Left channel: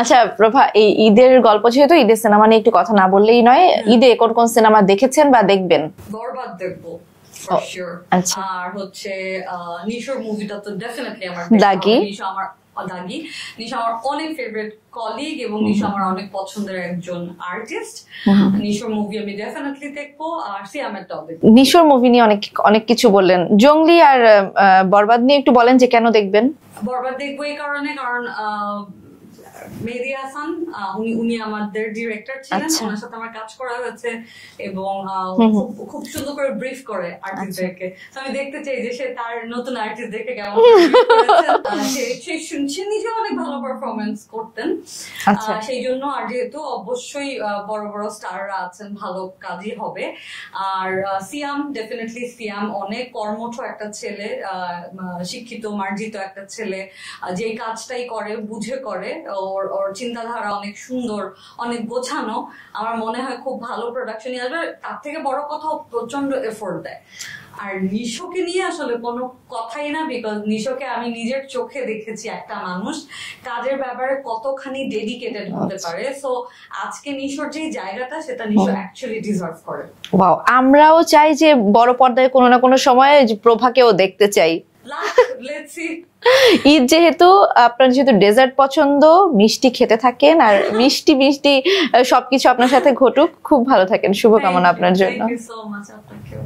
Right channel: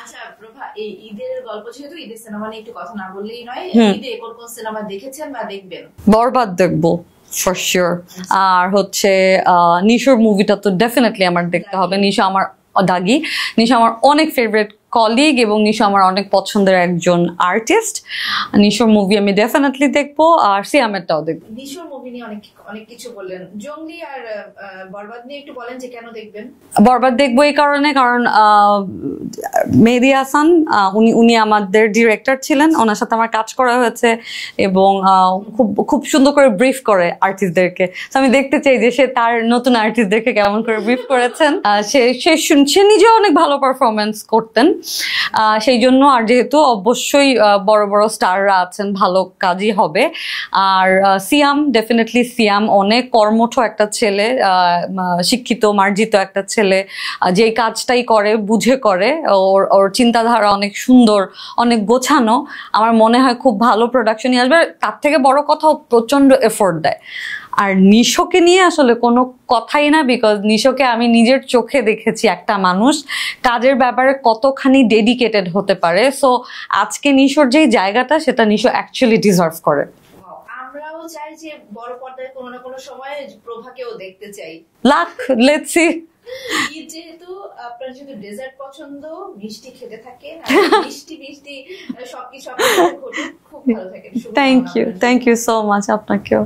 আচ্ছা প্রভা, এই ঈদের গল্প যেহেতু, ঈদের সিনেমা নিয়ে একটু কথা না বললেই নয়। ঈদে কোন কোন সিনেমা দেখেছেন বা দেখবেন? বরবাদ দেখবো ফর শিওর। আর হচ্ছে নিশোর মুভিটা তো ডেফিনেটলি আমার দেখতে হবে। নিশো আমার দাগি, নিশো আমার অনেক ফেভারিট কলিগ এবং নিশো আমার অনেক পছন্দের একজন আর্টিস্ট। নিশোর মুভি আমি ডেফিনেটলি দেখবো, আর সিয়ামেরটাও দেখবো। নিশোর মুভি নিয়ে অনেক কিছু বললেন, জঙ্গলি আর বরবাদ নিয়ে একটু বলেন যে কেন দেখবেন? বরবাদ দেখবো এই কারণে, কারণ মেহেদী হাসান উনি আমাদের ডিরেক্টর ছিলেন, ওনার সাথে আমার কাজ করা হয়েছে এবং খুব সুন্দর করে ব্রিফ করে আর্টিস্টদেরকে। আমি দেখতে চাই যে সে তার নতুন আর্টিস্টদেরকে কেমন করে ব্রিফ করেছেন। সে নিজেও অনেক ভালো পারফরমেন্স করতেন, সেই জন্য। আর যেহেতু অবশ্যই বড় বড় স্টাররা আছেন, ভালো কাজই হবে। আর সিয়াম, ডেফিনেটলি সিয়াম অনেক কর্মঠ একটা ছেলে, শিক্ষিত মার্জিত একটা ছেলে, যে কাজটাই করে বুঝে করে। ওর চিন্তাধারা অনেক সুন্দর, অনেক গোছানো। আমার মনে হয় খুব ভালো প্রোডাকশনই আসবে। তার থেকে বড় কথা, প্রচন্ড এফোর্ট দেয়। আর নিশোকে নিয়ে আসলে কোনো কথাই না, বিকজ নিশোকে আমি নিজের চোখে দেখেছি একটা মানুষ কাজের ব্যাপারে কতখানি ডেডিকেটেড হতে পারে। সো আজকে নিশোর যেই জায়গাটা, সেটা নিশো অ্যাকচুয়ালি ডিজার্ভ করে। ওয়াও, আমরাও চাই যে বড় পর্দায় কোনো না কোনো সময় প্রভাকেও দেখতে চাই। Let's see. ঈদ যেহেতু, আপনার যেহেতু ডেজার্ট পছন্দ, মিষ্টি খেতে থাকেন, আর মিষ্টি মিষ্টি সবকিছু আপনার সাথে ঘটুক। খুব ভালো থাকেন, শুভকামনা আপনার জন্য। Thank you so much. আপনাকেও।